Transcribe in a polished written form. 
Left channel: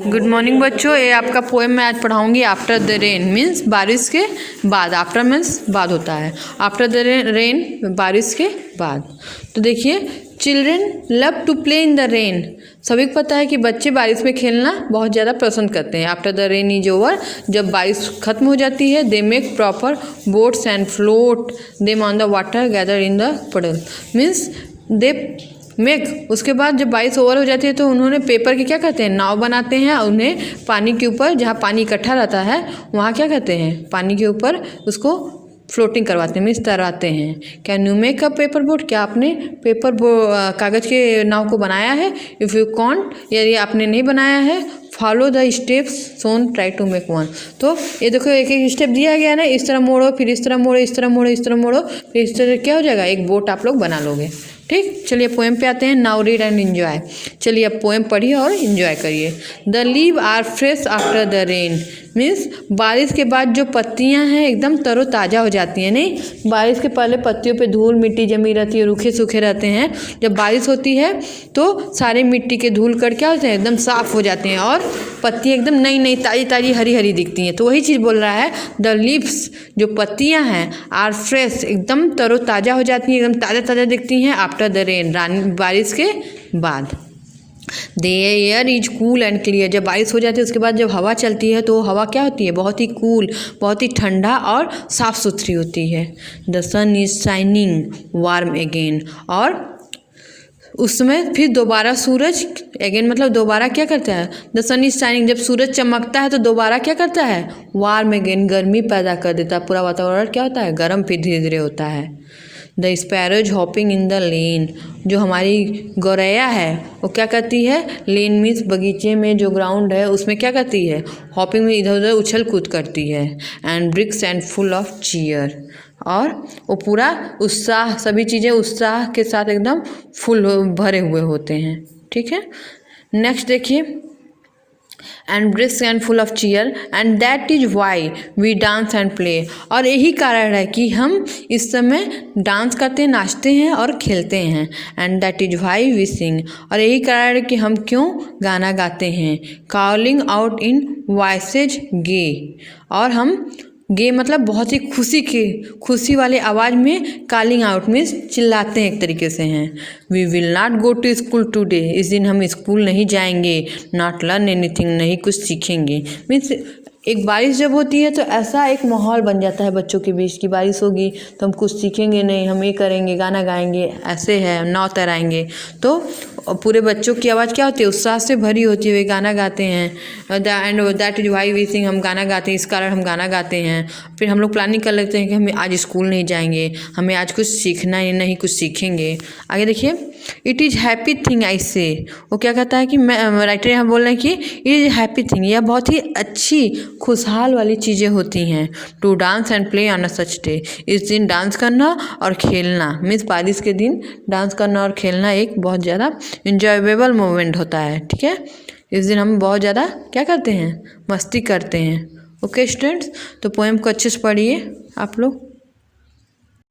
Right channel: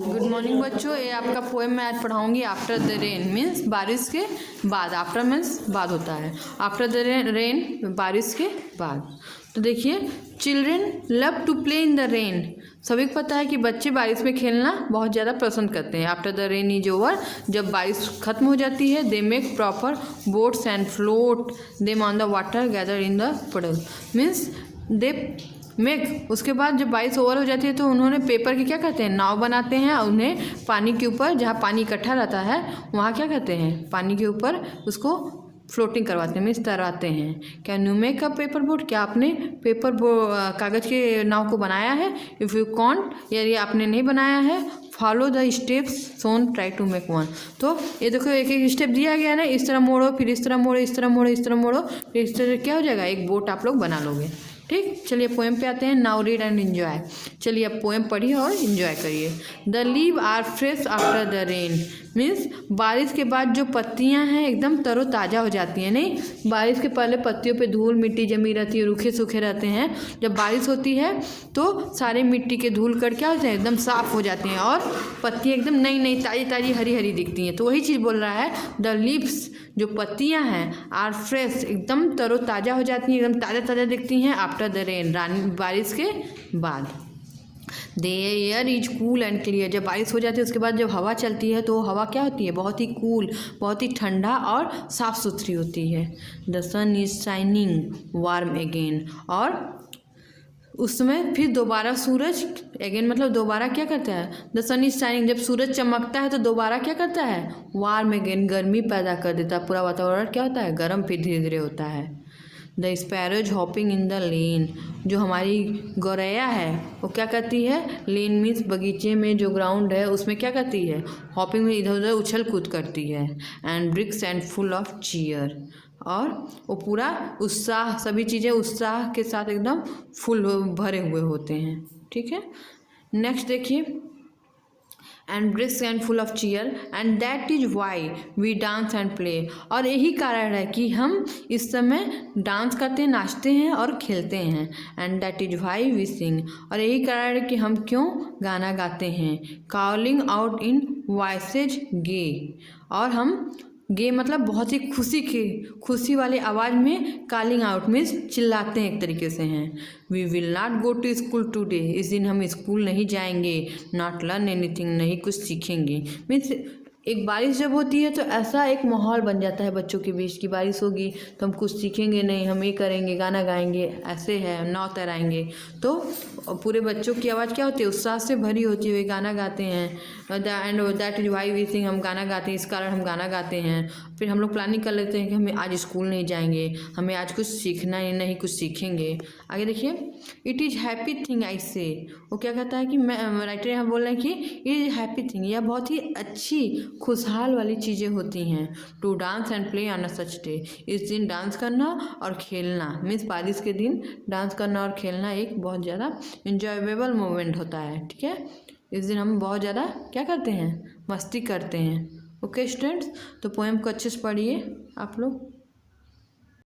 Good morning बच्चों, ये आपका पोएम मैं आज पढ़ाऊंगी। आफ्टर द रेन मीन्स बारिश के बाद। आफ्टर मीन्स बाद होता है। आफ्टर द रेन बारिश के बाद। तो देखिए, children love to play in the rain. सभी को पता है कि बच्चे बारिश में खेलना बहुत ज़्यादा पसंद करते हैं। After the rain is over, जब बारिश खत्म हो जाती है, they make proper boats and float them on the water gather in the poodle. Means they make, उसके बाद जब बारिश ओवर हो जाती है तो उन्होंने पेपर के क्या कहते हैं, नाव बनाते हैं और उन्हें पानी के ऊपर, जहाँ पानी इकट्ठा रहता है वहाँ क्या कहते हैं, पानी के ऊपर उसको फ्लोटिंग करवाते हैं, मीन्स तैराते हैं। Can you make a paper boat, क्या आपने कागज़ के नाव को बनाया है? इफ़ यू कॉन्ट, यदि आपने नहीं बनाया है, follow the steps soon, try to make one. तो ये देखो, एक एक स्टेप दिया गया ना, इस तरह मोड़ो, फिर इस तरह मोड़ो, इस तरह मोड़ो, इस तरह मोड़ो, फिर इस तरह क्या हो जाएगा, एक बोट आप लोग बना लोगे। ठीक, चलिए पोएम पे आते हैं। Now read and enjoy. चलिए अब पोएम पढ़िए और एंजॉय करिए। The leave are fresh after the rain means बारिश के बाद जो पत्तियां हैं एकदम तरोताज़ा हो जाती हैं। नहीं, बारिश के पहले पत्तियों पे धूल मिट्टी जमी रहती है, रूखे सूखे रहते हैं। जब बारिश होती है तो सारे मिट्टी के धूल कर क्या होते हैं, एकदम साफ़ हो जाते हैं और पत्तियाँ एकदम नई नई ताज़ी ताज़ी हरी हरी दिखती हैं। तो वही चीज़ बोल रहा है, द लीव्स, जो पत्तियाँ हैं, आर फ्रेश, एकदम तरोताज़ा हो जाती हैं, एकदम ताज़ा ताज़ा दिखती हैं। आफ्टर द रेन, बारिश के बाद। The air is cool and clear, जब बारिश हो जाती है उसके बाद जब हवा चलती है तो हवा क्या होती है, बहुत ही कूल, बहुत ही ठंडा और साफ़ सुथरी होती है। The sun is shining warm again, और उस समय फिर दोबारा सूरज, अगेन मतलब दोबारा क्या करता है, द सन इज शाइनिंग, जब सूरज चमकता है तो दोबारा क्या करता है, वार्म अगेन, गर्मी पैदा कर देता है। पूरा वातावरण क्या होता है, गर्म फिर धीरे धीरे होता है। The sparrows hopping in the lane, जो हमारी गौरैया है वो क्या करती है, लेन मीन्स बगीचे में जो ग्राउंड है उसमें क्या करती है, हॉपिंग में इधर उधर उछल कूद करती है। And brisk and full of cheer, और वो पूरा उत्साह, सभी चीज़ें उत्साह के साथ एकदम फुल भरे हुए होते हैं। ठीक है, नेक्स्ट देखिए। And brisk and full of cheer and that is why we dance and play, और यही कारण है कि हम इस समय डांस करते हैं, नाचते हैं और खेलते हैं। And that is why we sing, और यही कारण है कि हम क्यों गाना गाते हैं। कॉलिंग आउट इन वॉइसेज गे, और हम गे मतलब बहुत ही खुशी वाले आवाज़ में कॉलिंग आउट में चिल्लाते हैं, एक तरीके से हैं। We will not go to school today, इस दिन हम स्कूल नहीं जाएंगे। नॉट लर्न एनीथिंग, नहीं कुछ सीखेंगे। मीन्स एक बारिश जब होती है तो ऐसा एक माहौल बन जाता है बच्चों के बीच की, बारिश होगी तो हम कुछ सीखेंगे नहीं, हम ये करेंगे, गाना गाएंगे, ऐसे है, नाव तैराएंगे। तो पूरे बच्चों की आवाज़ क्या होती है, उत्साह से भरी होती है, वे गाना गाते हैं। And that is why we sing, हम गाना गाते हैं, इस कारण हम गाना गाते हैं। फिर हम लोग प्लानिंग कर लेते हैं कि हमें आज स्कूल नहीं जाएंगे, हमें आज कुछ सीखना है, नहीं कुछ सीखेंगे। आगे देखिए। It is happy thing I से, वो क्या कहता है कि मैं राइटर यहाँ बोल रहे हैं कि इट इज़ हैप्पी थिंग, यह बहुत ही अच्छी खुशहाल वाली चीज़ें होती हैं। To dance and play on a such day, इस दिन डांस करना और खेलना, मीन्स बारिश के दिन डांस करना और खेलना एक बहुत ज़्यादा इंजॉयबल मोमेंट होता है। ठीक है, इस दिन हम बहुत ज़्यादा क्या करते हैं, मस्ती करते हैं। ओके स्टूडेंट्स, तो पोएम को अच्छे से पढ़िए आप लोग।